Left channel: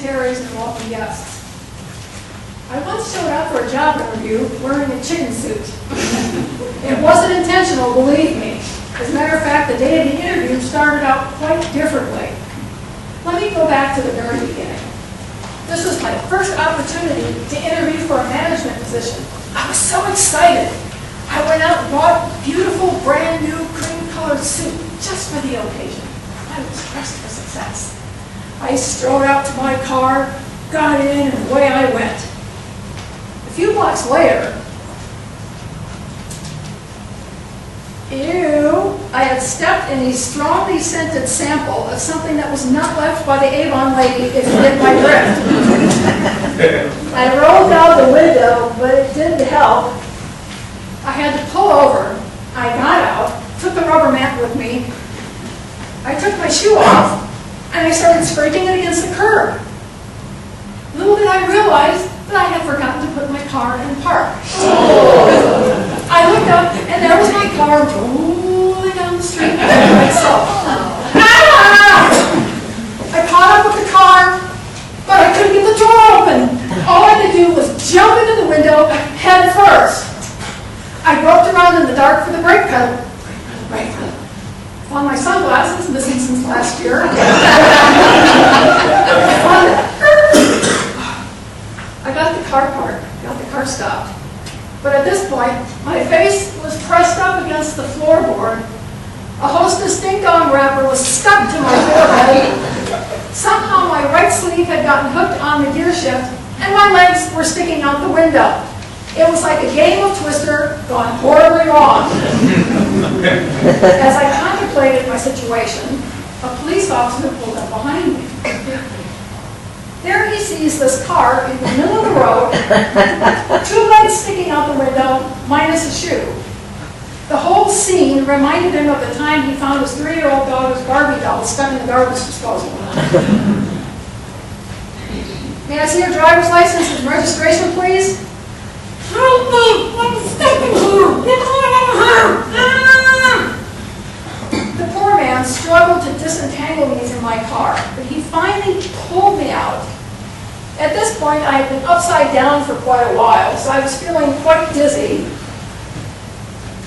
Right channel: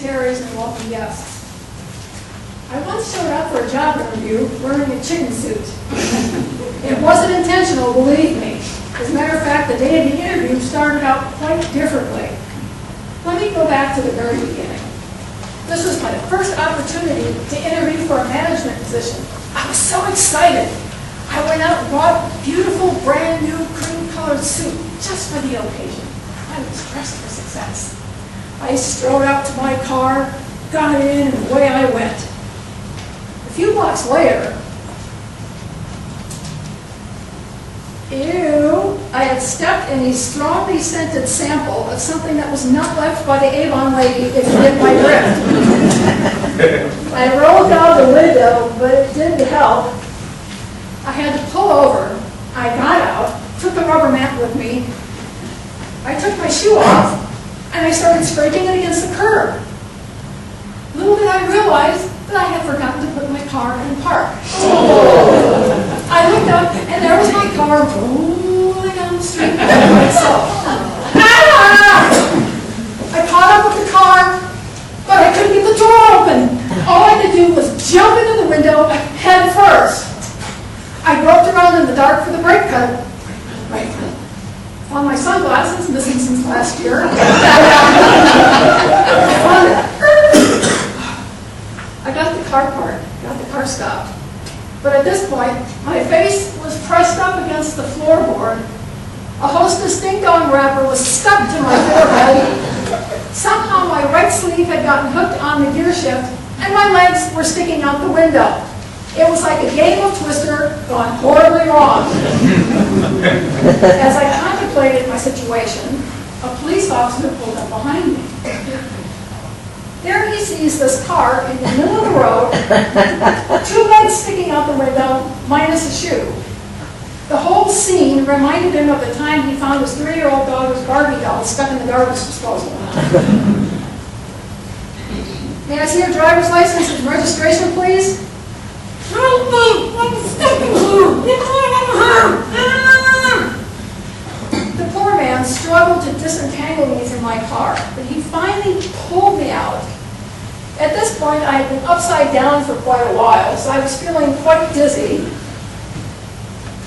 dignitaries, and welcome guests. I once showed up for a job interview wearing a chicken suit. It wasn't intentional, believe me. As a matter of fact, the day of the interview started out quite differently. Let me go back to the very beginning. This was my first opportunity to interview for a management position. I was so excited. I went out and bought a beautiful, brand new cream-colored suit just for the occasion. I was dressed for success. I strode out to my car, got in, and away I went. A few blocks later, I had stepped in a strongly scented sample of something that was not left by the Avon lady, if you get my drift. I rolled down the window, but it didn't help. I had to pull over. I got out, took the rubber mat with me. I took my shoe off, and I started scraping it against the curb. Little did I realize that I had forgotten to put my car in park. I looked up, and there was my car rolling down the street by itself. I caught up with the car, but I couldn't get the door open. All I could do was jump into the window head first. I groped around in the dark for the brake pedal. Brake pedal. Found my sunglasses, missing since last year. I got the car parked, got the car stopped. But at this point, my face was pressed up against the floorboard. A Hostess Ding Dong wrapper was stuck to my forehead. Somehow my right sleeve had gotten hooked on the gear shift, and my legs were sticking out the window. It was like a game of Twister gone horribly wrong. As I contemplated my situation, a police officer pulled up behind me. There he sees this car in the middle of the road, two legs sticking out the window, minus a shoe. The whole scene reminded him of the time he found his 3-year-old daughter's Barbie doll stuck in the garbage disposal. May I see your driver's license and registration, please? Help me! I'm stuck in here! Get me out of here! The poor man struggled to disentangle me from my car, but he finally pulled me out. At this point, I had been upside down for quite a while, so I was feeling quite dizzy.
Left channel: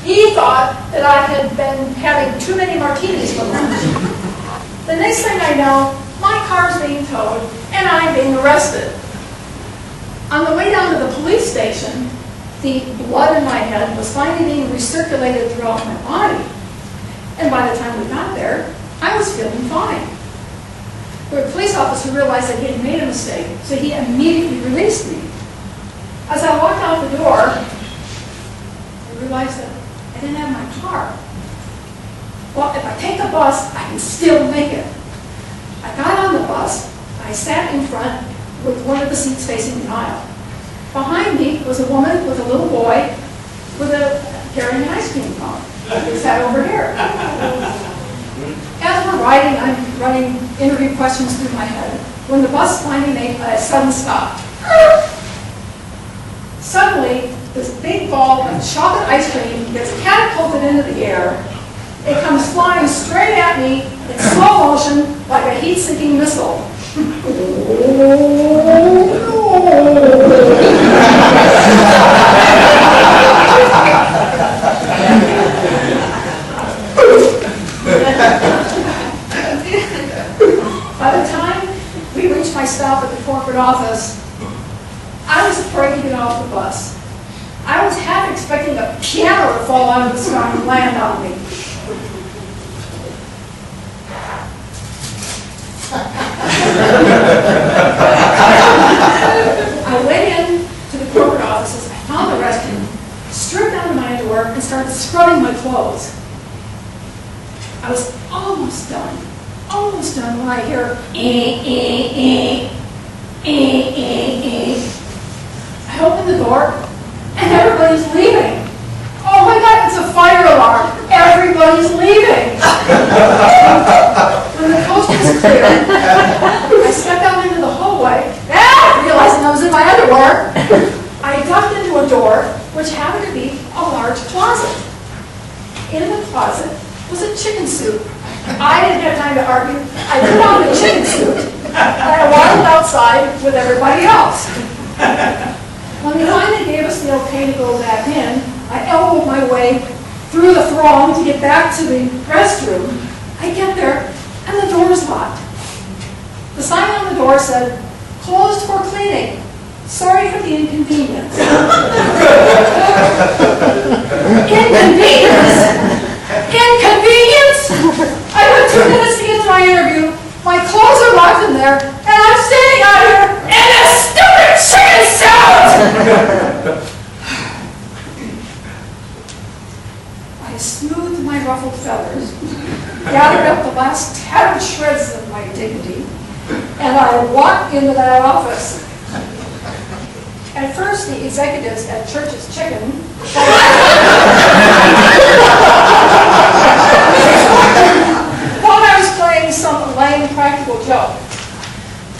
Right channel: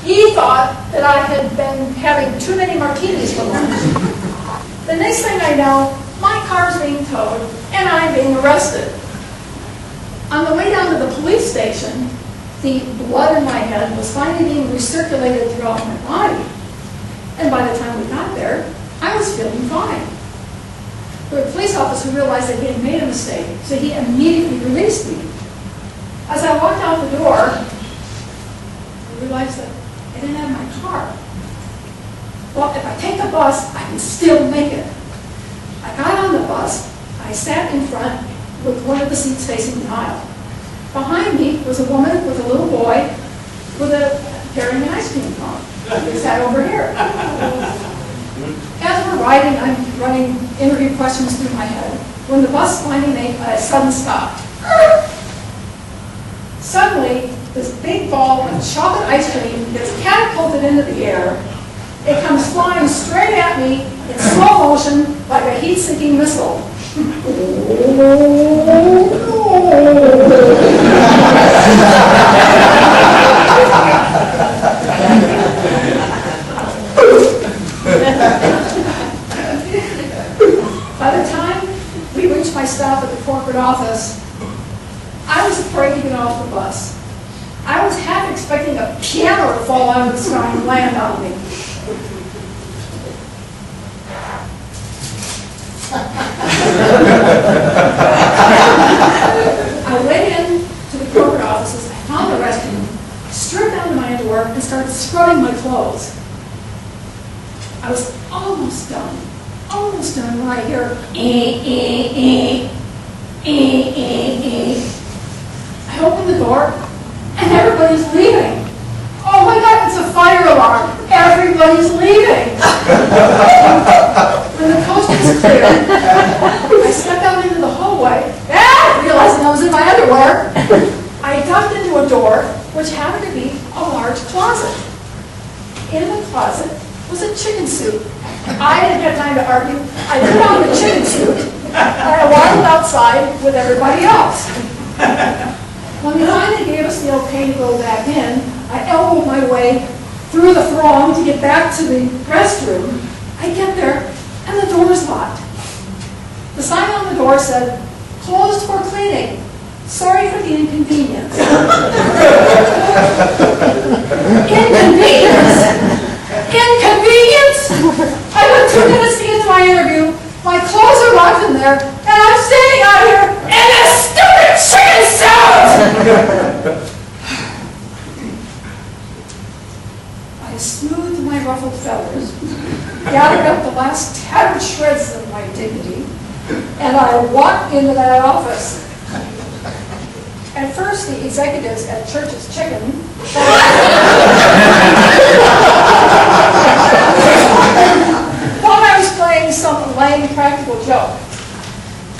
He thought that I had been having too many martinis for lunch. The next thing I know, my car's being towed, and I'm being arrested. On the way down to the police station, the blood in my head was finally being recirculated throughout my body. And by the time we got there, I was feeling fine. The police officer realized that he had made a mistake, so he immediately released me. As I walked out the door, I realized that I didn't have my car. Well, if I take the bus, I can still make it. I got on the bus. I sat in front with one of the seats facing the aisle. Behind me was a woman with a little boy carrying an ice cream cone. He sat over here. As we're riding, I'm running interview questions through my head when the bus finally made a sudden stop. Suddenly, this big ball of chocolate ice cream gets catapulted into the air. It comes flying straight at me in slow motion like a heat-seeking missile. By the time we reached my stop at the corporate office, I was afraid to get off the bus. I was half expecting a piano to fall out of the sky and land on me. I went in to the corporate offices, I found the restroom, stripped down my underwear, and started scrubbing my clothes. I was almost done when I hear I open the door, and everybody's leaving. Oh my God, it's a fire alarm. Everybody's leaving. When the coast was clear, I stepped out into the hallway, realizing I was in my underwear. I ducked into a door, which happened to be a large closet. In the closet was a chicken suit. I didn't have time to argue. I put on the chicken suit, And I waddled outside with everybody else. When they finally gave us the okay to go back in, I elbowed my way through the throng to get back to the restroom. I get there, and the door's locked. The sign on the door said, "Closed for cleaning. Sorry for the inconvenience." Inconvenience? Inconvenience? I went 2 minutes to get to my interview. My clothes are locked in there, and I'm standing out here in a stupid chicken suit! I smoothed my ruffled feathers, gathered up the last tattered shreds of my dignity, and I walked into that office. At first, the executives at Church's Chicken thought I was playing some lame practical joke.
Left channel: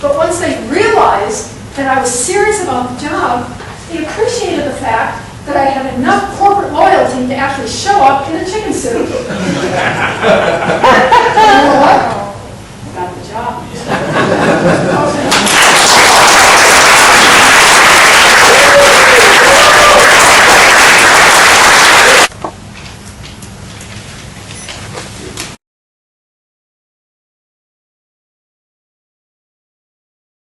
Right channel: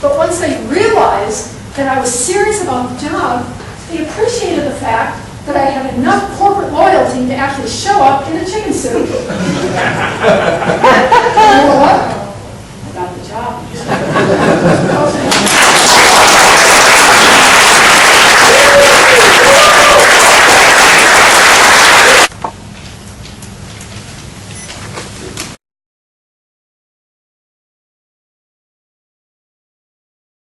But once they realized that I was serious about the job, they appreciated the fact that I had enough corporate loyalty to actually show up in a chicken suit. And you know what? I got the job.